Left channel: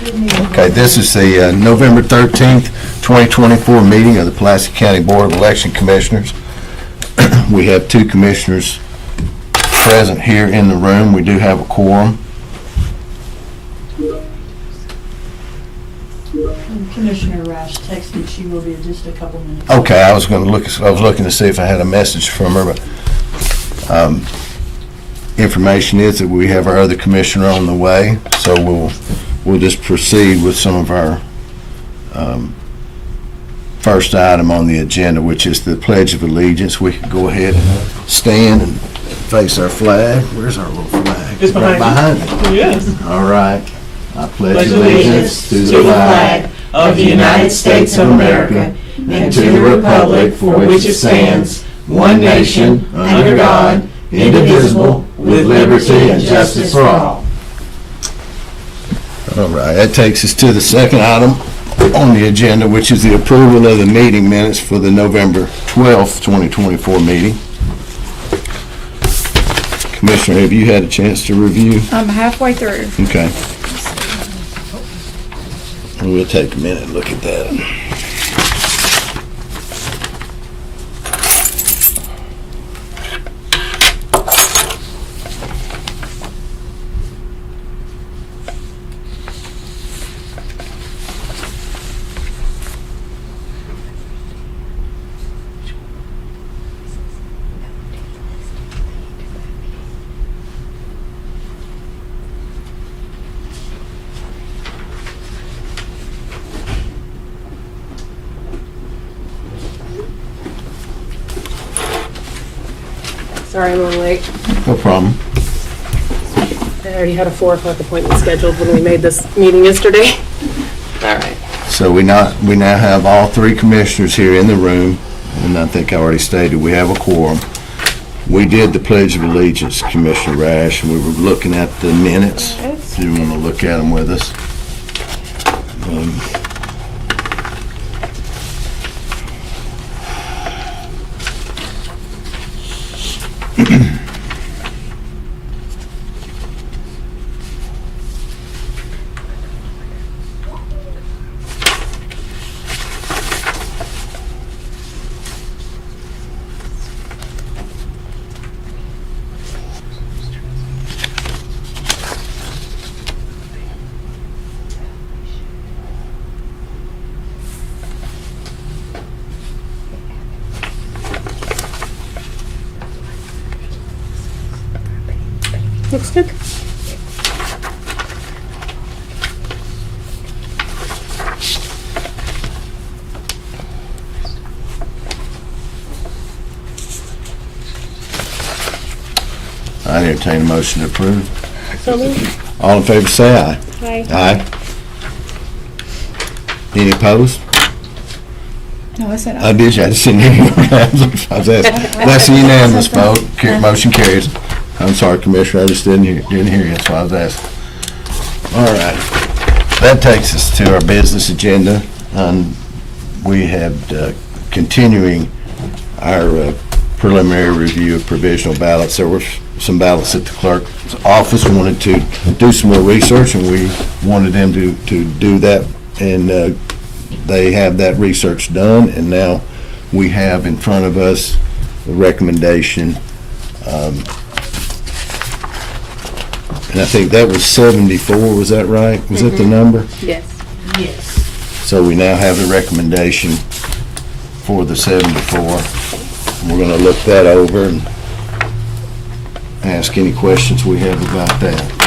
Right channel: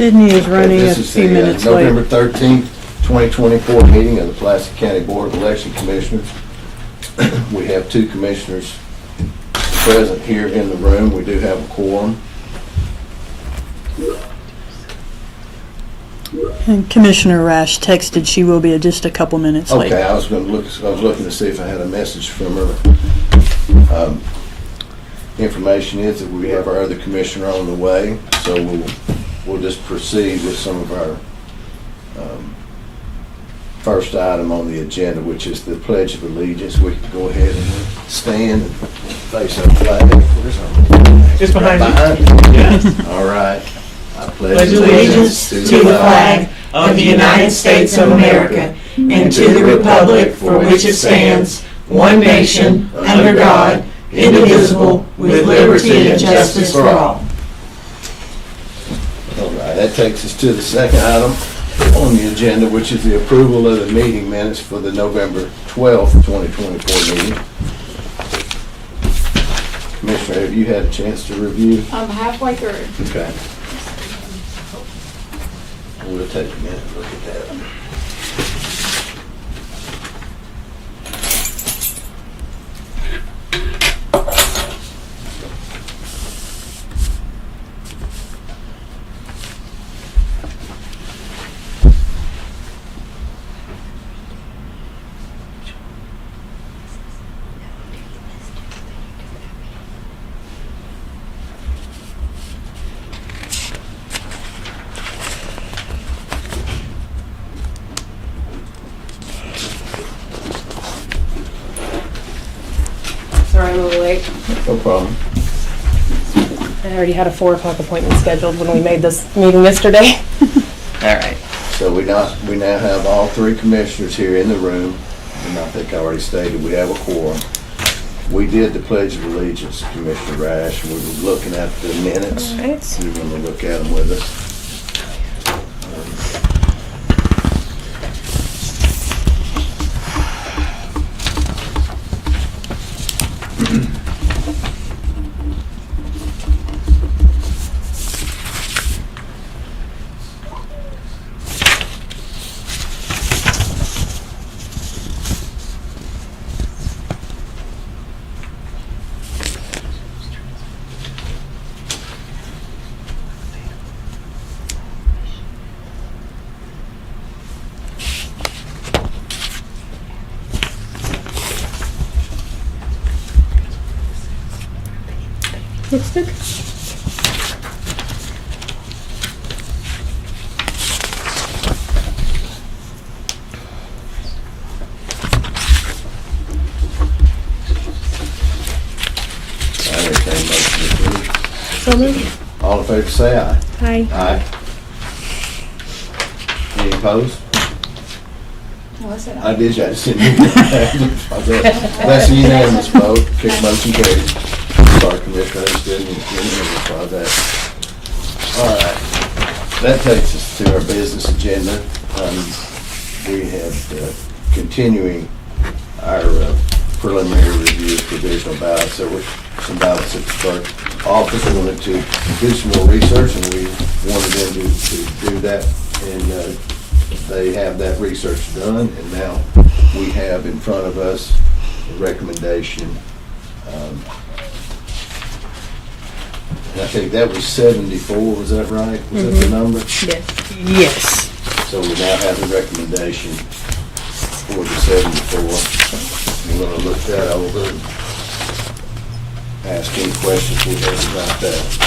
Sydney is Okay, running. this a is few the minutes November late. 13th, 2024 meeting of the Pulaski County Board of Election Commissioners. We have two commissioners present here in the room. We do have a quorum. And Commissioner Rash texted she will be just a couple minutes late. Okay, I was looking to see if I had a message from her, but information is that we have our other commissioner on the way, so we'll just proceed with some of our first item on the agenda, which is the Pledge of Allegiance. We can go ahead and stand and face our flag. Where's our little flag? It's behind you. Behind you. Yes. All right. I Pledge allegiance to the flag of the United States of America and to the republic for which it stands, one nation, under God, indivisible, with liberty and justice for all. All right, that takes us to the second item on the agenda, which is the approval of the meeting minutes for the November 12th, 2024 meeting. Commissioner, have you had a chance to review? I'm halfway through. Okay. We'll take a minute and look at that. Sorry, I'm a little late. No problem. I already had a 4 o'clock appointment scheduled when we made this meeting yesterday. All right. So we now have all three commissioners here in the room, and I think I already stated we have a quorum. We did the Pledge of Allegiance, Commissioner Rash, and we were looking at the minutes. All right. Do you want to look at them with us? Looks good. I entertain a motion to approve. So moved. All in favor, say aye. Hi. Aye. Any opposed? No, I said I did, I just didn't hear you. I was asking. That's a unanimous vote. Motion carries. I'm sorry, Commissioner, I just didn't hear you. That's why I was asking. All right. That takes us to our business agenda. We have continuing our preliminary review of provisional ballots. There were some ballots at the clerk's office. We wanted to do some more research, and we wanted them to do that, and they have that research done, and now we have in front of us a recommendation. And I think that was 74, was that right? Was that the number? Yes. Yes. So we now have a recommendation for the 74. We're going to look that over and ask any questions we have about that.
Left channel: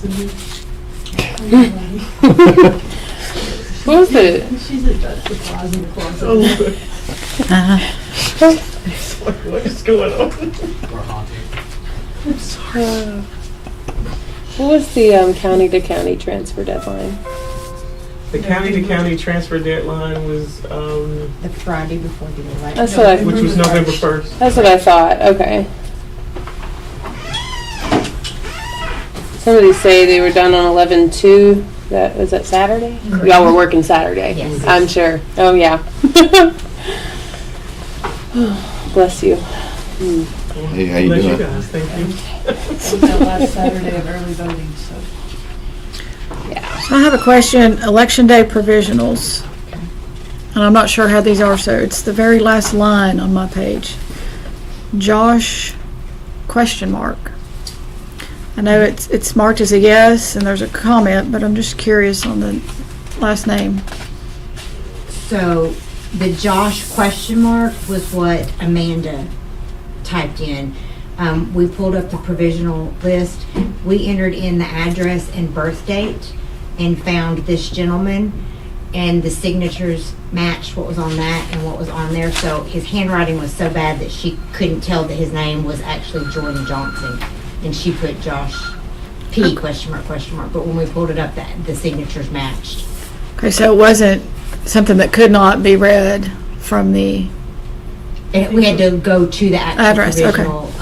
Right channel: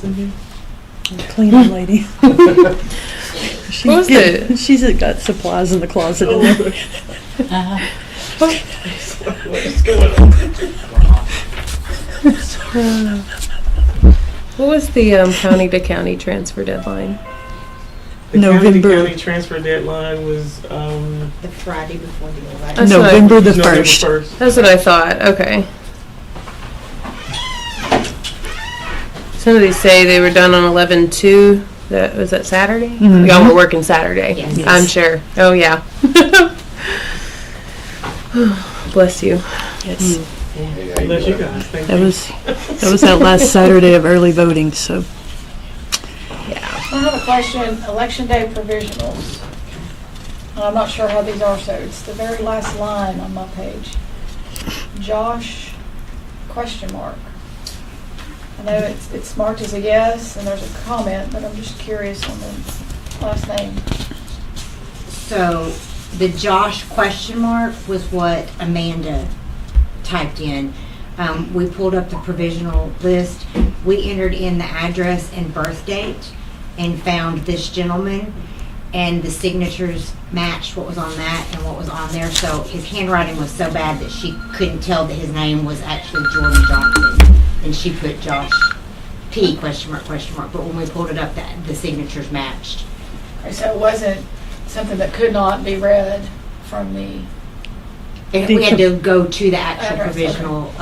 Cleaning lady. What was it? She's got supplies in the closet. What is going on? What was the county to county transfer deadline? The November. county transfer deadline was, The Friday before the election. That's what I- November the November 1st. 1st. That's what I thought. Okay. Somebody say they were done on 11/2. That was that Saturday. Mhm. Y'all were working Saturday. Yes. I'm sure. Oh yeah. Bless you. Yes. Hey, how you Bless you doing? guys, thank That you. was that last Saturday of early voting, so. I have a question, election day provisionals. And I'm not sure how these are, so it's the very last line on my page. Josh, question mark. I know it's marked as a yes, and there's a comment, but I'm just curious on the last name. So the Josh question mark was what Amanda typed in. We pulled up the provisional list. We entered in the address and birth date and found this gentleman, and the signatures matched what was on that and what was on there. So his handwriting was so bad that she couldn't tell that his name was actually Jordan Johnson, and she put Josh P question mark. But when we pulled it up, the signatures matched. Okay, so it wasn't something that could not be read from the, And we had to go to the actual Address, okay. provisional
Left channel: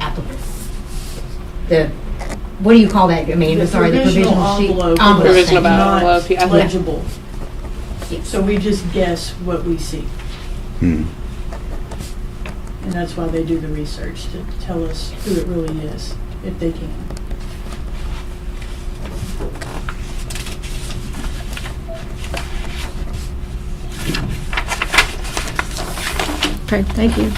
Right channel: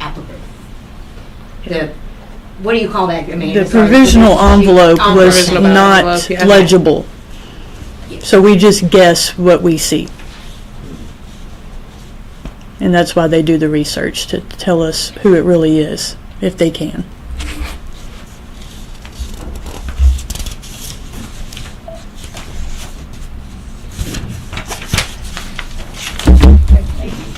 applicant. The, what do you call that, Amanda? The Sorry, provisional sheet? envelope was Provisional not envelope, yeah. legible. Yes. So we just guess what we see. Hmm. And that's why they do the research, to tell us who it really is, if they can. okay, thank you.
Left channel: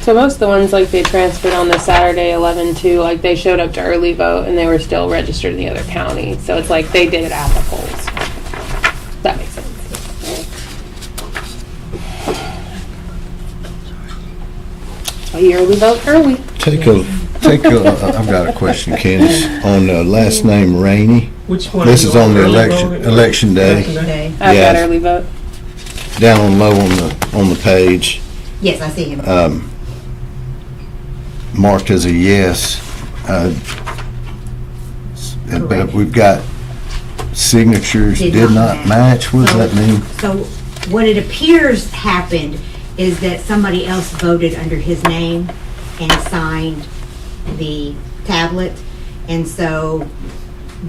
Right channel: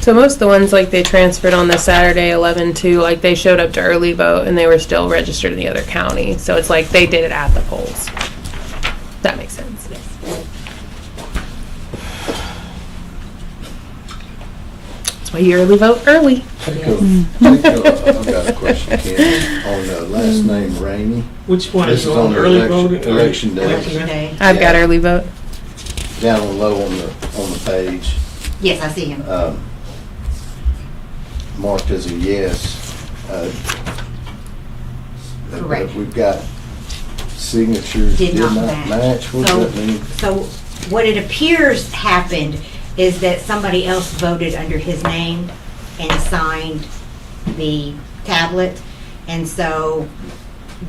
So most of the ones like they transferred on the Saturday 11/2, like they showed up to early vote and they were still registered in the other county. So it's like they did it at the polls. That makes sense. That's why you early vote early. I've got a question, Candace, on the last name Rainey, Which one? This you is on the Early election- voting? election day. Election Today. I've got Yeah. early vote. down on low on the page, Yes, I see him. marked as a yes. But Correct. we've got signatures Did did not not match. match. What does So- that mean? So what it appears happened is that somebody else voted under his name and signed the tablet. And so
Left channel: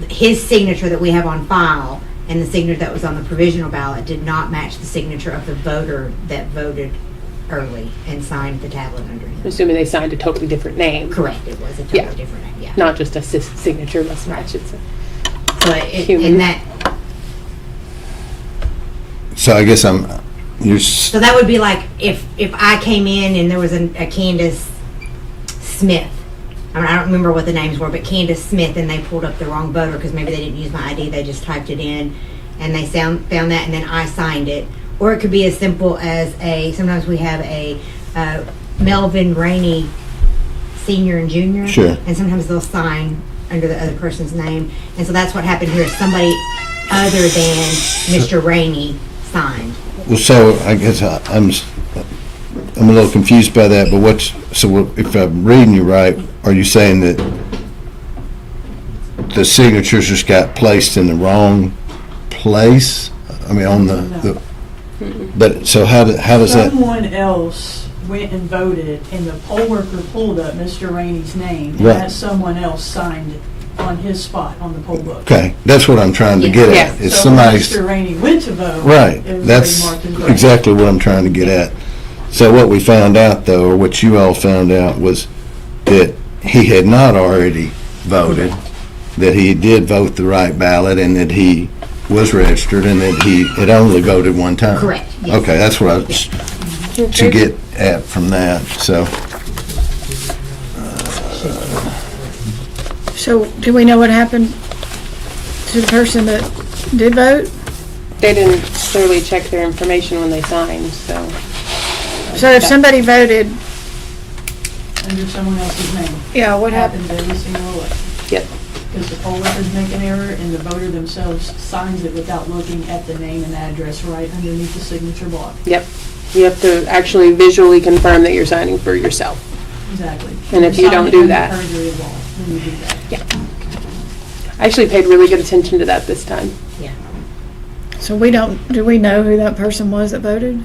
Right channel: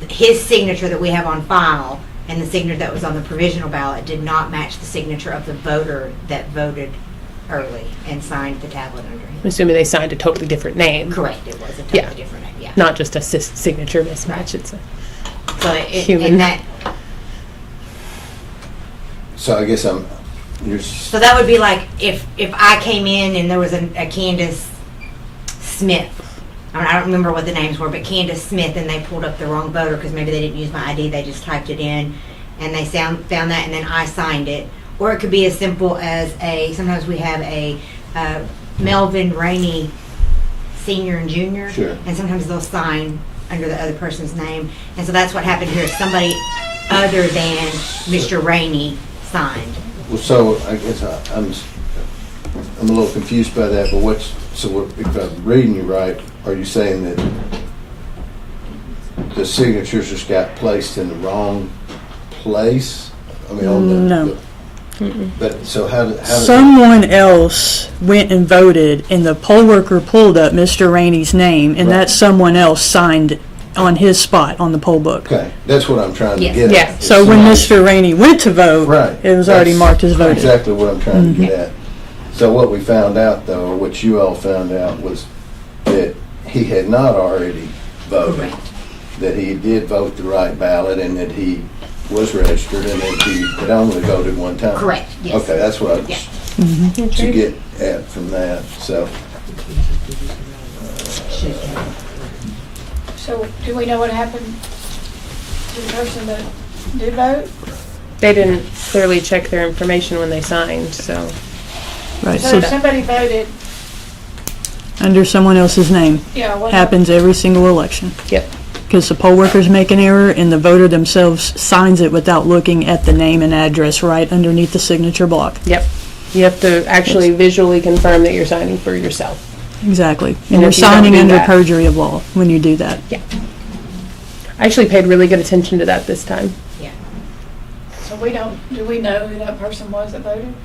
his signature that we have on file and the signature that was on the provisional ballot did not match the signature of the voter that voted early and signed the tablet under him. I'm assuming they signed a totally different name, Correct, it was a totally Yeah. different name, yeah. not just a signature mismatch. It's a So human. and that, So I guess so that would be like if I came in and there was a Candace Smith. I mean, I don't remember what the names were, but Candace Smith, and they pulled up the wrong voter because maybe they didn't use my ID. They just typed it in, and they found that, and then I signed it. Or it could be as simple as sometimes we have a Melvin Rainey Senior and Junior. Sure. And sometimes they'll sign under the other person's name. And so that's what happened here. Somebody other than Mr. Rainey signed. well, so I guess I'm a little confused by that. But if I'm reading you right, are you saying that the signatures just got placed in the wrong place? I mean, on No. But so how does that? Someone else went and voted, and the poll worker pulled up Mr. Rainey's name, and Right. that someone else signed on his spot on the poll book. Okay, that's what I'm trying to get Yeah. at. If So when somebody's- Mr. Rainey went to vote, Right. it was already That's marked as voted. Exactly what I'm trying to get at. So what we found out, though, or what you all found out, was that he had not already voted, that he did vote the right ballot, and that he was registered, and that he had only voted one time. Correct, yes. Okay, that's what I was to get at from that, so. So do we know what happened to the person that did vote? They didn't clearly check their information when they signed, so Right. So if somebody voted, Under someone else's name. yeah, what happened? Happens every single election. Yep. Because the poll workers make an error and the voter themselves signs it without looking at the name and address right underneath the signature block. Yep. You have to actually visually confirm that you're signing for yourself. Exactly. And And you're if you don't signing do under that- perjury of law when you do that. I actually paid really good attention to that this time. So do we know who that person was that voted?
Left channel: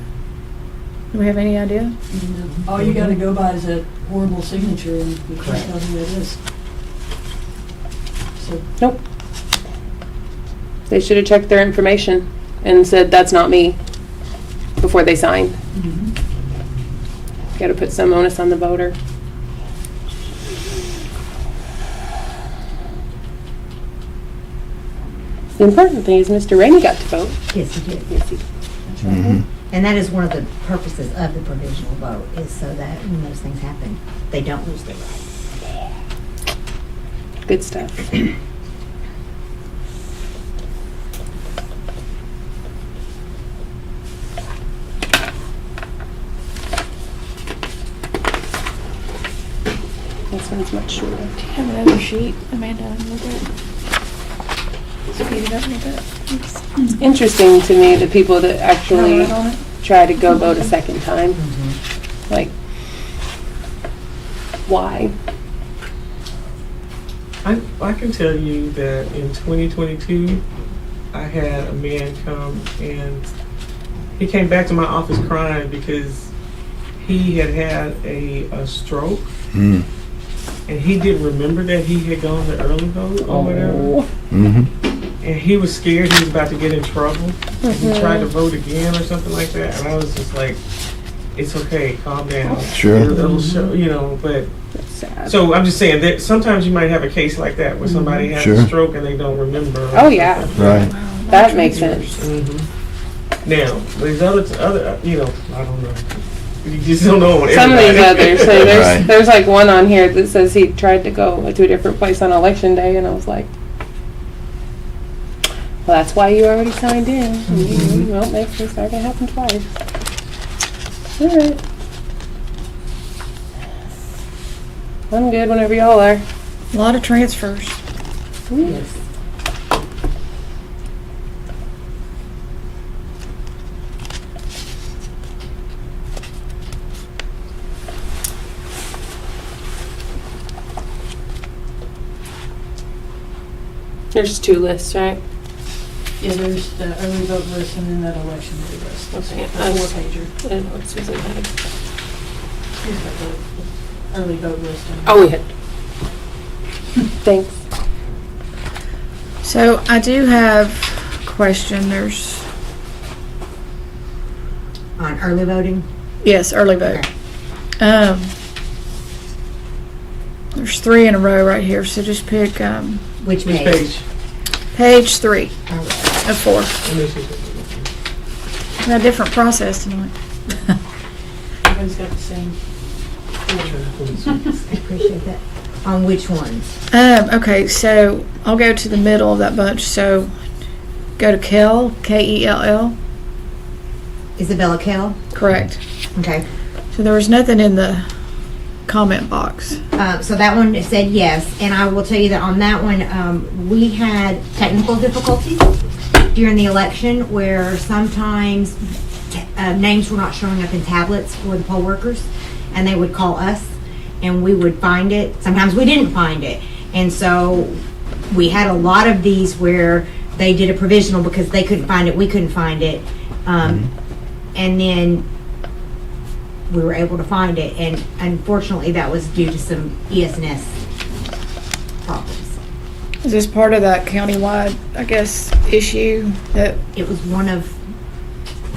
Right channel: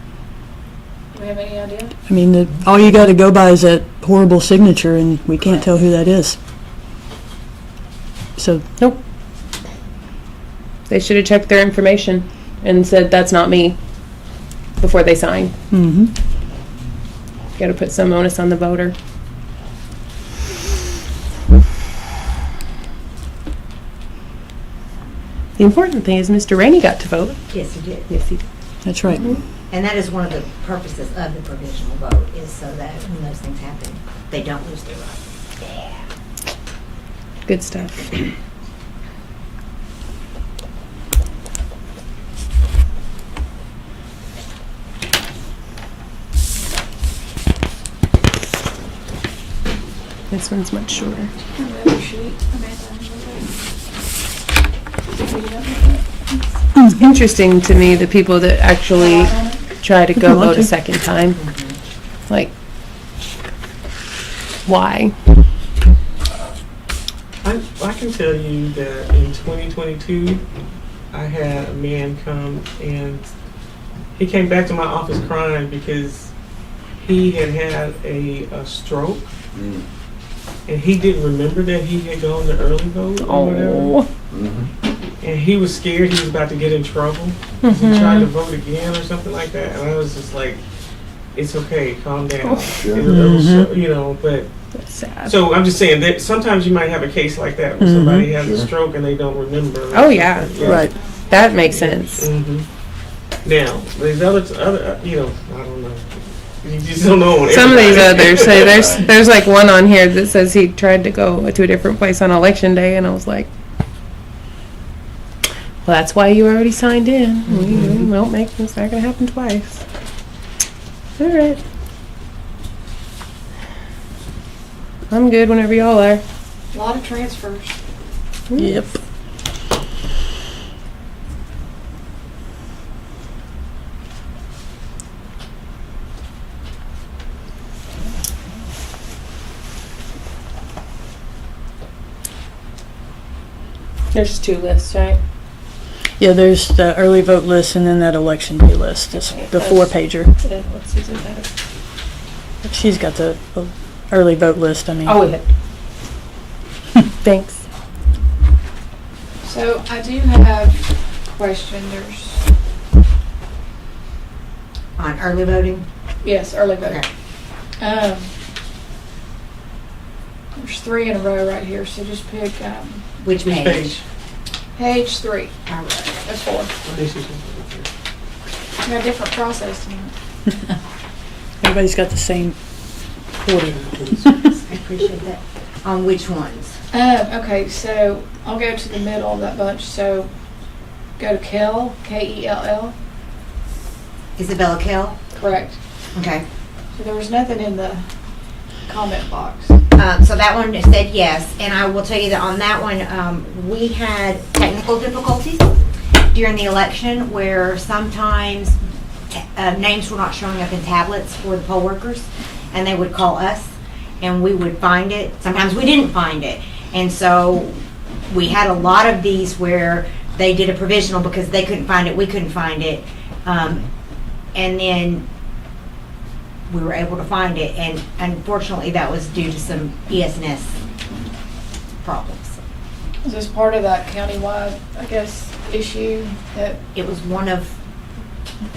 Do we have any idea? I mean, all you gotta go by is that horrible signature and we can't tell who that is. So, Nope. They should have checked their information and said, that's not me, before they sign. mhm. Got to put some onus on the voter. The important thing is Mr. Rainey got to vote. Yes, he did. Yes, he did. That's right. And that is one of the purposes of the provisional vote, is so that when those things happen, they don't lose their rights. Good stuff. This one's much shorter. Have another sheet, Amanda. It's interesting to me the people that actually try to go vote a second time. Like, why? I can tell you that in 2022, I had a man come and he came back to my office crying because he had had a stroke Mm. and he didn't remember that he had gone to early vote or whatever. Mhm. And he was scared he was about to get in trouble. He tried to vote again or something like that. And I was just like, it's okay, calm down. Sure. You know, but That's sad. so I'm just saying that sometimes you might have a case like that where somebody has Sure. a stroke and they don't remember. Oh, yeah. Right. That makes sense. hmm Now, these other, you know, I don't know. You just don't know. Some of these everybody. others, so Right. there's like one on here that says he tried to go to a different place on election day, and I was like, well, that's why you already signed in. You won't make this not gonna happen twice. All right. I'm good whenever y'all are. A lot of transfers. Yep. There's 2 lists, right? Yeah, there's the early vote list and then that election day list, is the 4-pager. And what's Susan have? She's got the early vote list, I mean. Oh, yeah. Thanks. So I do have a question. There's, On early voting, yes, early vote. There's 3 in a row right here, so just pick which Which page? page? page 3 All right. of 4. Let me see something. We got a different process tonight. Everybody's got the same order. I appreciate that. On which ones? Okay, so I'll go to the middle of that bunch. So go to Kell, Kell. Isabella Kell? Correct. Okay. So there was nothing in the comment box. So that one said yes, and I will tell you that on that one, we had technical difficulties during the election where sometimes names were not showing up in tablets for the poll workers, and they would call us, and we would find it. Sometimes we didn't find it, and so we had a lot of these where they did a provisional because they couldn't find it, we couldn't find it, and then we were able to find it, and unfortunately that was due to some ES&S problems. Is this part of that countywide, I guess, issue that It was one of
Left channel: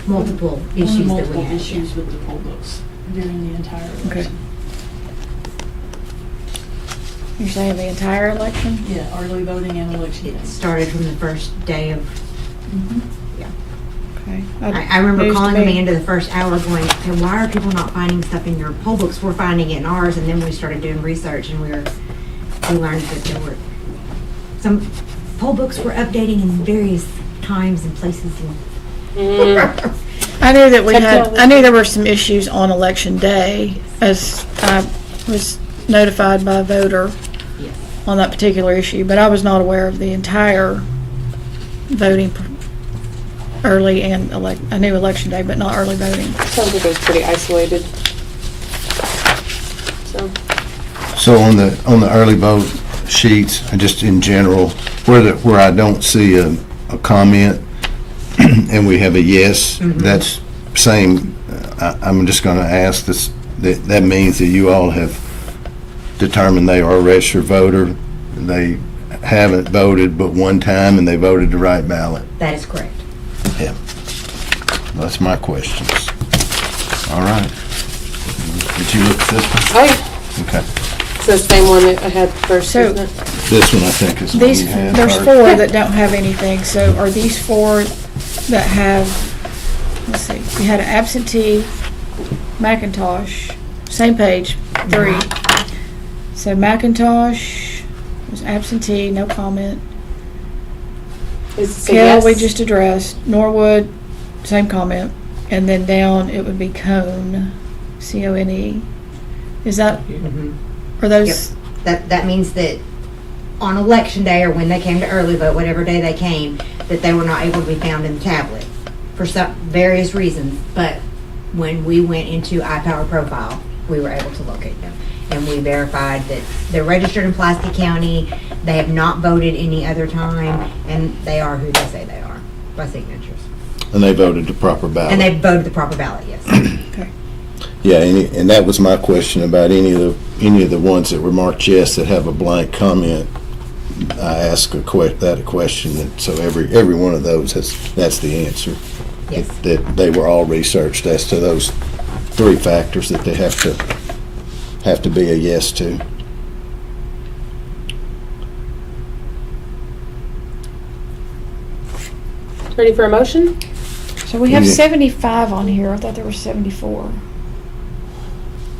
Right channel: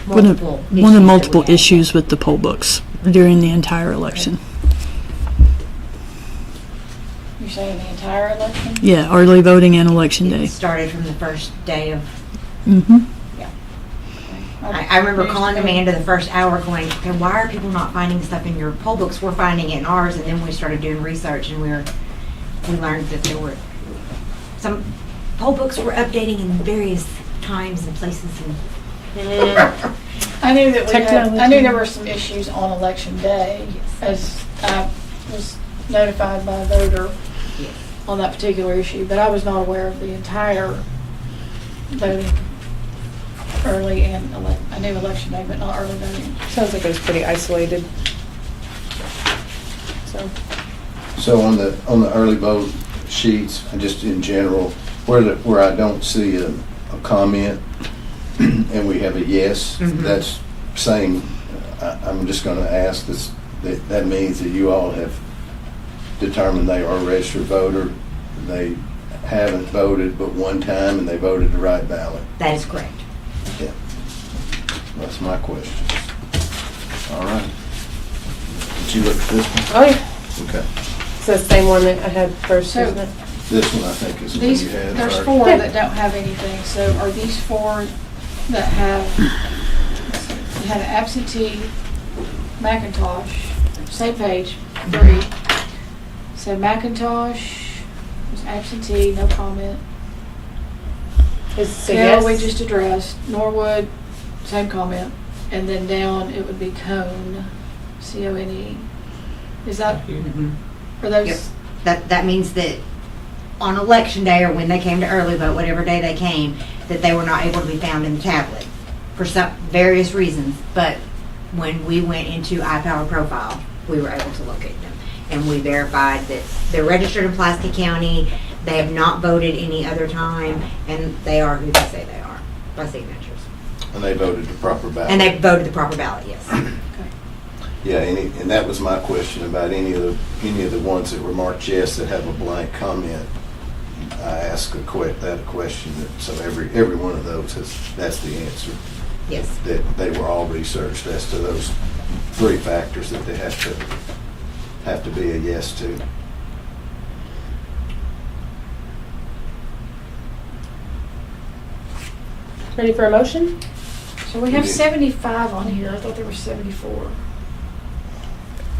One multiple of multiple that we had. issues with the poll books during the entire election. you're saying the entire election? Yeah, early voting and election day. It started from the first day of, Mm-hmm. Okay. I remember Used to calling be- Amanda the first hour going, "Hey, why are people not finding stuff in your poll books? We're finding it in ours." And then we started doing research and we learned that there were, some poll books were updating in various times and places, and I knew that I knew there were some issues on election day, as I was notified by a voter on that particular issue, but I was not aware of the entire voting early and I knew election day, but not early voting. Sounds like it was pretty isolated. So on the early vote sheets, just in general, where I don't see a comment and we have a yes, that's same, I'm just gonna ask this, that means that you all have determined they are a registered voter. They haven't voted but one time and they voted the right ballot. That is correct. Yeah. That's my questions. All right. Did you look at this one? Oh, yeah. Okay. It's the same one that I had first, So- isn't it? This one I think is the one you had. There's Art. 4 that don't have anything, so are these 4 that have, let's see, you had an absentee, Macintosh, same page, 3. So Macintosh was absentee, no comment. It's a Cal, yes. we just addressed. Norwood, same comment. And then down, it would be Cone, C-O-N-E. Is that, are those, That means that on election day or when they came to early vote, whatever day they came, that they were not able to be found in the tablet for some various reasons. But when we went into iPower Profile, we were able to locate them. And we verified that they're registered in Pulaski County, they have not voted any other time, and they are who they say they are by signatures. And they voted the proper ballot. And they voted the proper ballot, yes. Yeah, and that was my question about any of the ones that were marked yes that have a blank comment. I asked a question, and so every one of those that's the answer. Yes. That they were all researched as to those 3 factors that they have to be a yes to. Ready for a motion? so we have Yeah. 75 on here. I thought there were 74.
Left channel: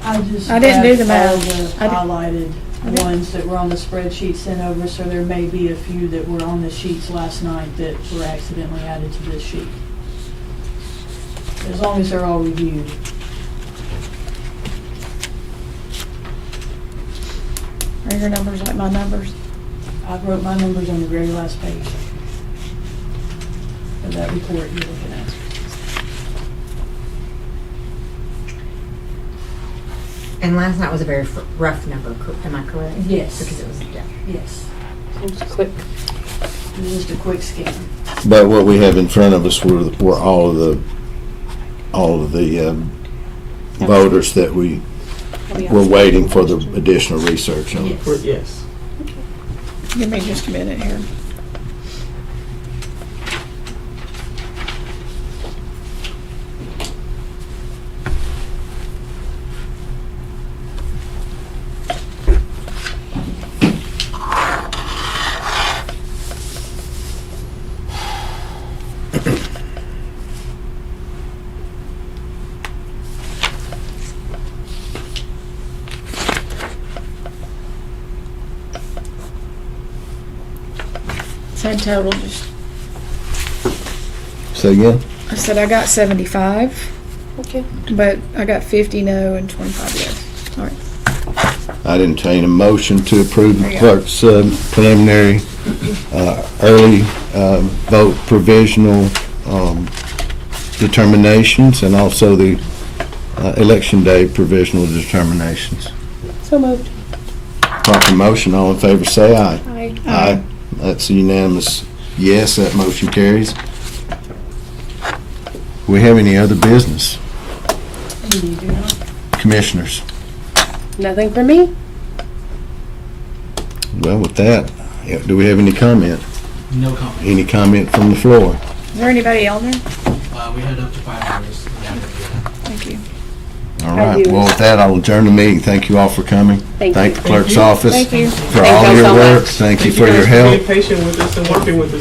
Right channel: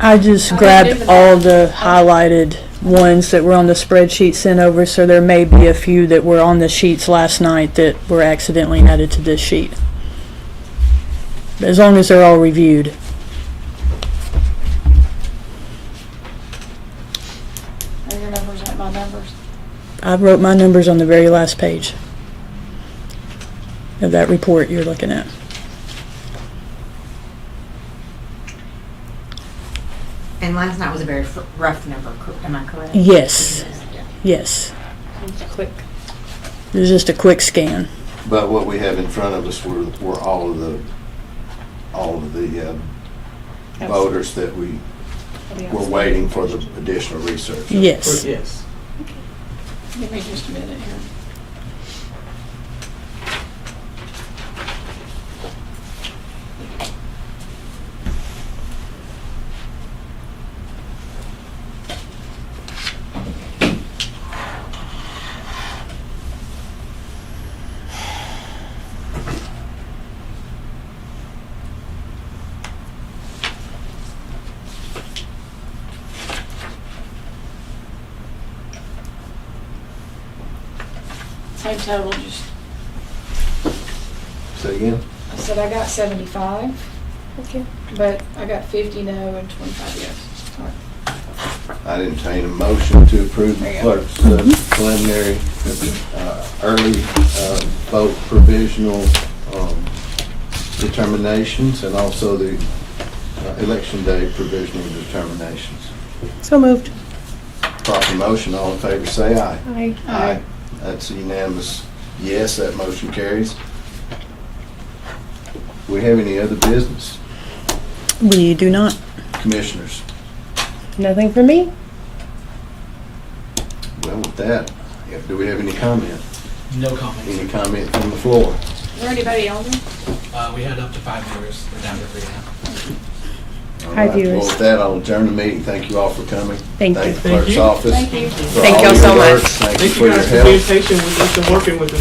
I just I didn't do grabbed the all math. the highlighted ones that were on the spreadsheet sent over, so there may be a few that were on the sheets last night that were accidentally added to this sheet. As long as they're all reviewed. Are your numbers like my numbers? I wrote my numbers on the very last page of that report you're looking at. And last night was a very rough number, am I correct? Yes, yes. Just click. It was just a quick scan. But what we have in front of us were all of the voters that we were waiting for the additional research. Yes. Yes. Give me just a minute here. Same total, just, Say again? I said I got 75, Okay. but I got 50 no and 25 yes. All right. I entertain a motion to approve the clerk's preliminary early vote provisional determinations and also the election day provisional determinations. So moved. Proper motion, all in favor say aye. Aye. Aye. That's a unanimous yes, that motion carries. We have any other business? We do not. Commissioners? Nothing for me? Well, with that, do we have any comment? No comment. Any comment from the floor? Is there anybody on there? We had up to 5 members down here for you. Thank you. All right, you. well, with that, I'll adjourn the meeting. Thank you all for coming. Thank you. Thank the clerk's office Thank you. for Thank all y'all your so work. much. Thank you Thank for you your guys for being help. patient with us and working with us.